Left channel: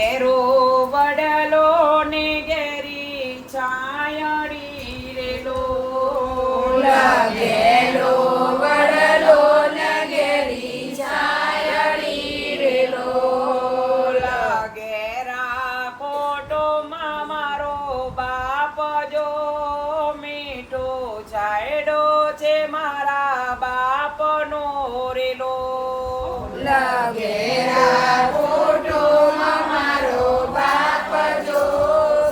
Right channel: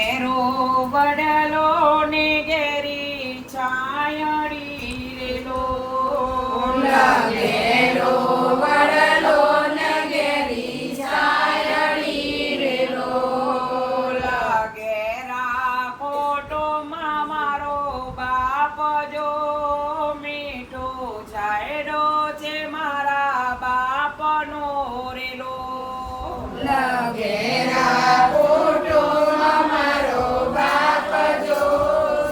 ઘેરો વડલો ને ઘેરી છાયડી રેલો ઘેરો વડલો ને ઘેરી છાયડી રેલો ઘેરા કોટોમાં મારો બાપ જો મીઠો છાયડો છે મારા બાપનો રેલો ઘેરા કોટોમાં મારો બાપ જો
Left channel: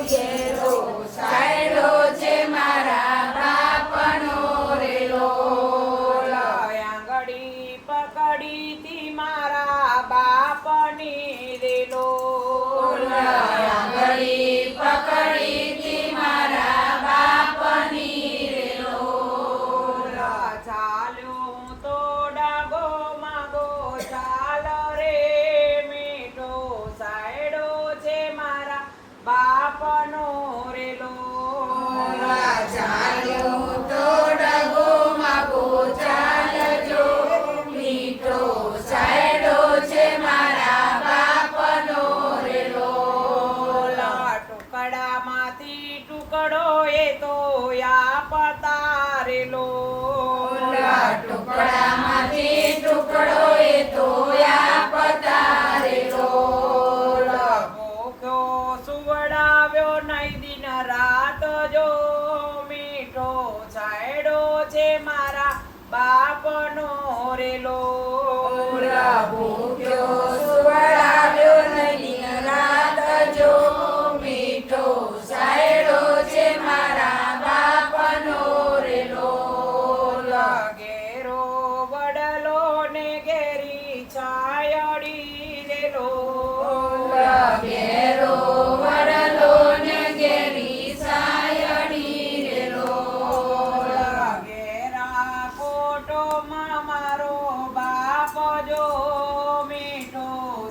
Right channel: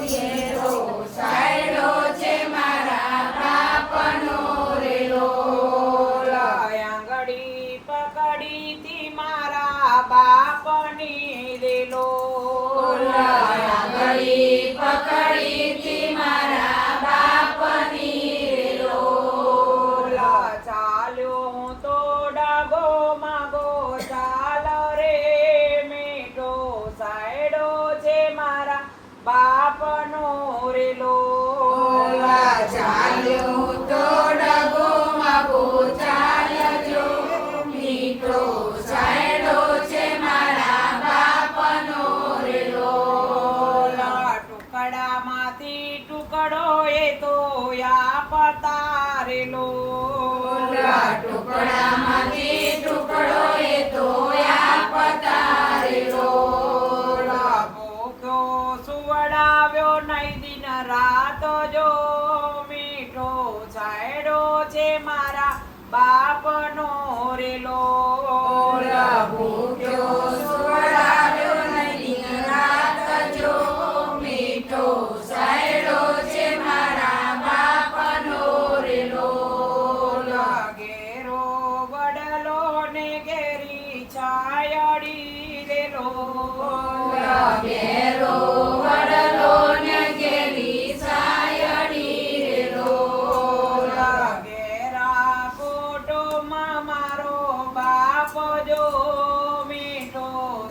ઘેરો છાયડો છે મારા બાપનો રેલો આંગળી પકડીથી મારા બાપની રેલો આંગળી પકડીથી મારા બાપની રેલો ચાલ્યો હું તો ડગો માગો ચાલ રે મીઠો સાયડો છે મારા બાપનો રેલો ચાલ્યો તો ડગો માગો ચાલજો મીઠો સાયડો છે મારા બાપનો રેલો ટુકડામાંથી ટુકડો એ તો આપતા રેલો ટુકડામાંથી ટુકડો એ તો આપતા રેલો ભૂખ્યો સુવડાવ્યો નહીં દિન રાત જો મીઠો છાયડો છે મારા બાપનો રેલો ભૂખ્યો સુવડાવ્યો નહીં રાત જો મીઠો સાયડો છે મારા બાપનો રેલો ઘેરો વડલો ને ઘેરી છાયડી રેલો ઘેરો વડલો ને ઘેરી છાયડી રેલો ઘેરા કોટોમાં મારો બાપ જો મીઠો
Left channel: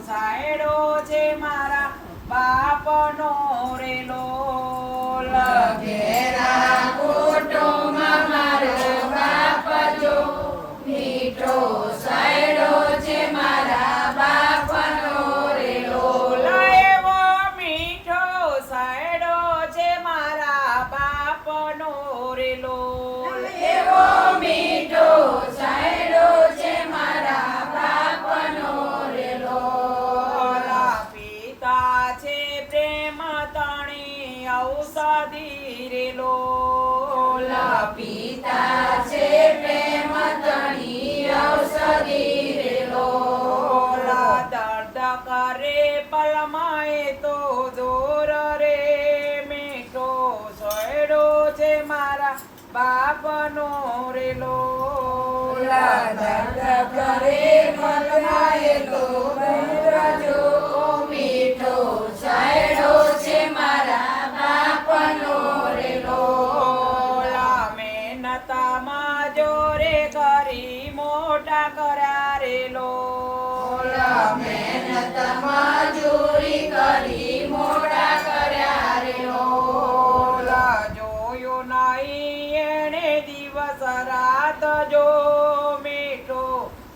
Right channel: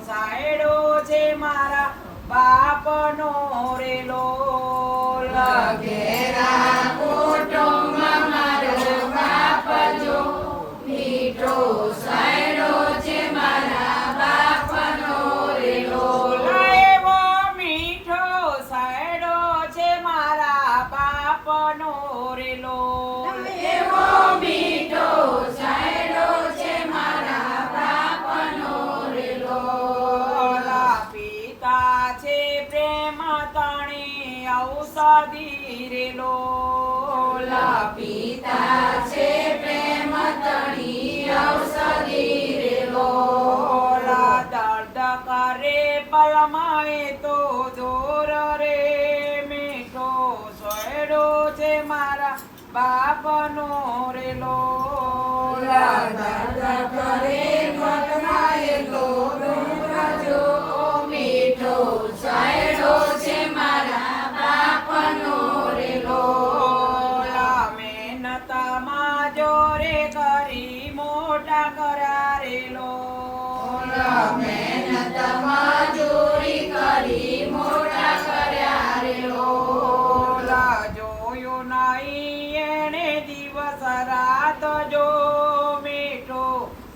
સાયડો છે મારા બાપનો રેલો ઘેરા કોટોમાં મારો બાપ જો મીઠો સાયડો છે મારા બાપનો રેલો એવો મીઠો સાયડો છે મારા બાપનો રેલો એવો મીઠો સાયડો છે મારા બાપનો રેલો પિતા છે પ્રેમ તણી ઔષધિ રેલો પિતા છે પ્રેમ તણી ઔષધિ રેલો દર્દ કરે પલમાં એ તો દૂર રે મીઠો સોયડો છે મારા બાપનો રેલો દર્દ કરે મરમાએ તો દૂર જો મીઠો સાયડો છે મારા બાપનો રેલો મહેનતમાં જોરે કરી મોટા કર્યા રેલો મહેનત મજૂરી કરી મોટા કર્યા રેલો જોયું નહીં એણે દિવસ રાત જો મીઠો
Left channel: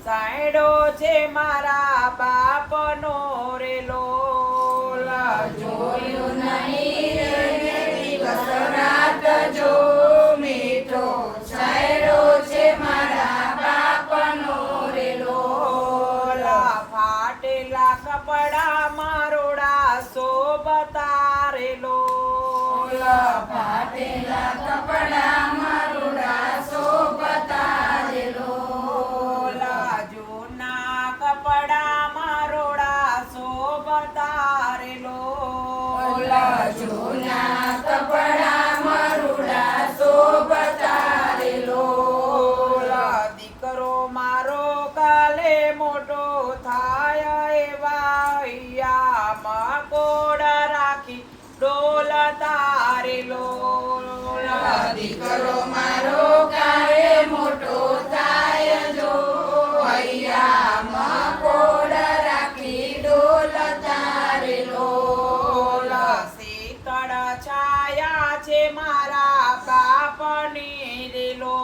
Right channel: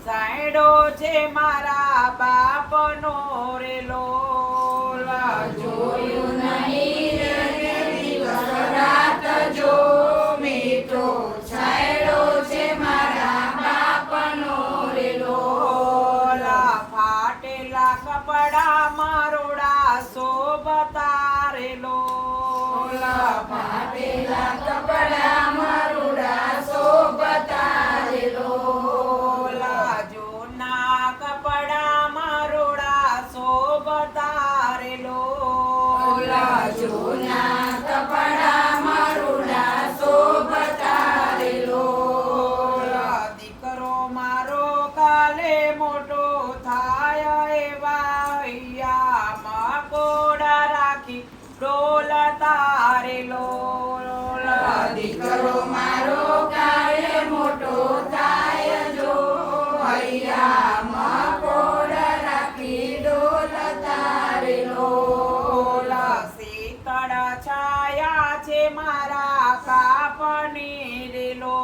સાયડો છે મારા બાપનો રેલો જોયું નહીં એને દિવસ રાત જો મીઠો છાયડો છે મારા બાપનો રેલો ફાટેલા કપડા મારોડા શોભતા રેલો ફાટેલા કપડા મારુડા શોભતા રેલો જૂના કપડા મારોડા શોભતા રેલો જૂના કપડા મારુડા શોભતા રેલો દીકરો મારો કાલે મોટો થાય એવા હૈયામાં કોડા રાખી ડોલતા રેલો દીકરો મારો કાળે મોટો થાય જો હૈયા મકોડ રાખી ડોલતા રેલો શીતળ છાયા છે મારા બાપની રેલો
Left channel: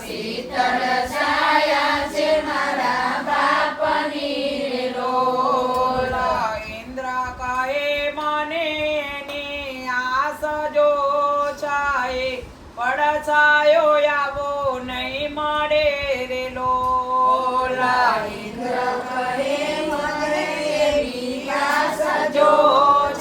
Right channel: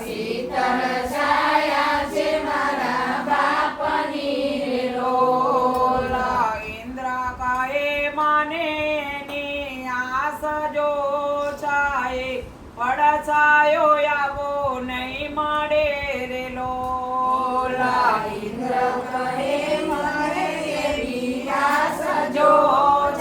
શીતળ છાયા છે મારા બાપની રેલો પડછાયો આવો નહીં મળે રે લોલા. ઇન્દ્ર કહે મને એવી આશા જો જો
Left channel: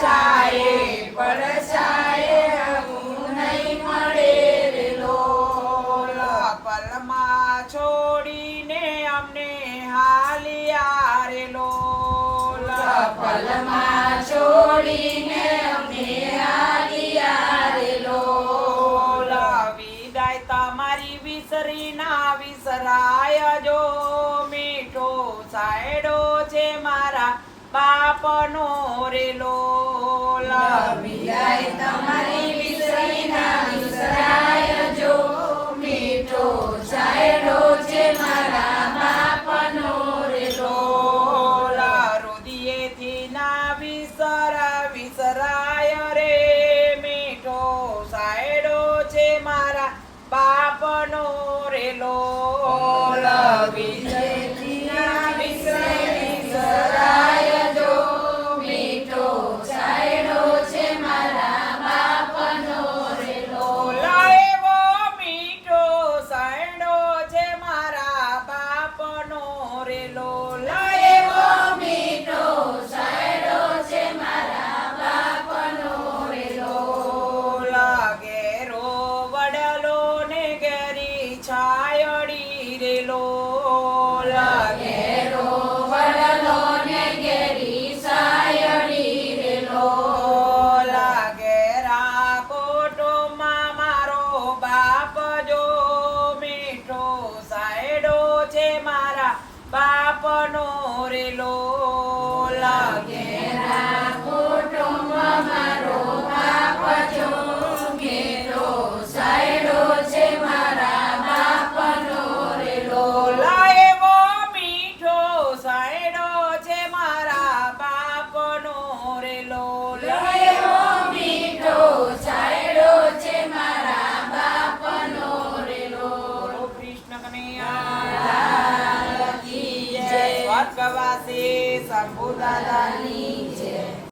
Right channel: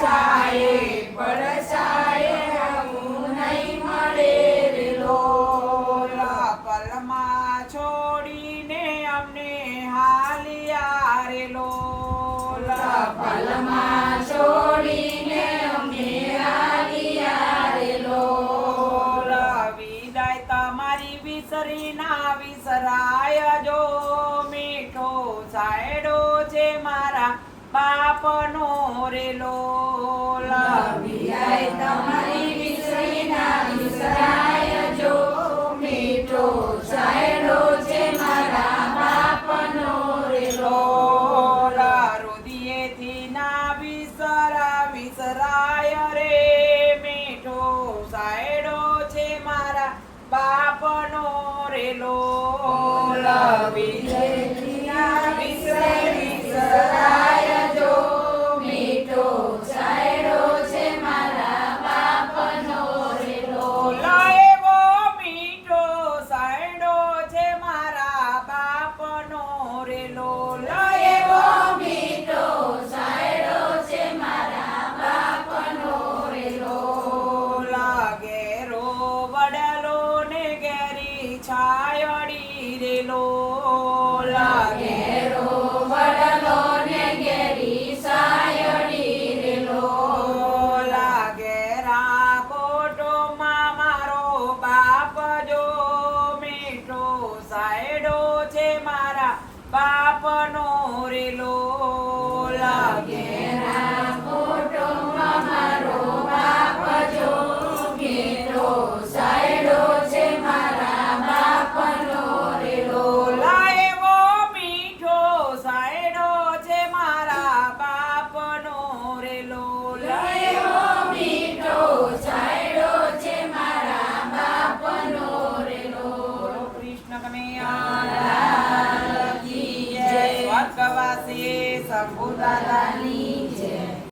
છાયે પડછાયે આવું નહીં મળે રે લોલા. પલમાં છોડીને અમને હાલિયા રે લોલા. પલમાં છોડીને અમે આવ્યા રે લોલા. વિદાય તમારી વિસરી ના વિસરાય જો મીઠો સાયડો છે મારા બાપનો રે લોલા. વિદાય તમારી વિસરી ના વિસરાય જો મીઠો સાયડો છે મારા બાપનો રે લોલા. રુદિયેથી ના વિસરાય રે મીઠો સાયડો છે મારા બાપનો રે લોલા. વિજયથી ના વિસરાય જો મીઠો સાયડો છે મારા બાપનો રે લોલા. એવો મીઠો સાયડો છે મારા બાપનો રે લોલા. એવો મીઠો સાયડો છે મારા બાપનો રે લોલા. ઘેરો વડલો ને ઘેરી છાયડી રે લોલા. ઘેરો વડલો ને ઘેરી સાયડી રે લોલા. ઘેરા કોટોમાં મારો બાપ જો મીઠો સાયડો છે મારા બાપનો રે લોલા. ઘેરા કુટુંબમાં મારો બાપ જો મીઠો સાયડો છે મારા બાપનો રે લોલા. એવો મીઠો સાયડો છે મારા બાપનો રે લોલા. એવો મીઠો સાયડો છે મારા બાપનો રે બોલો કૃષ્ણ કનૈયા લાલ કી જય. સ્વર્ગવાસી શંભુ દાદાની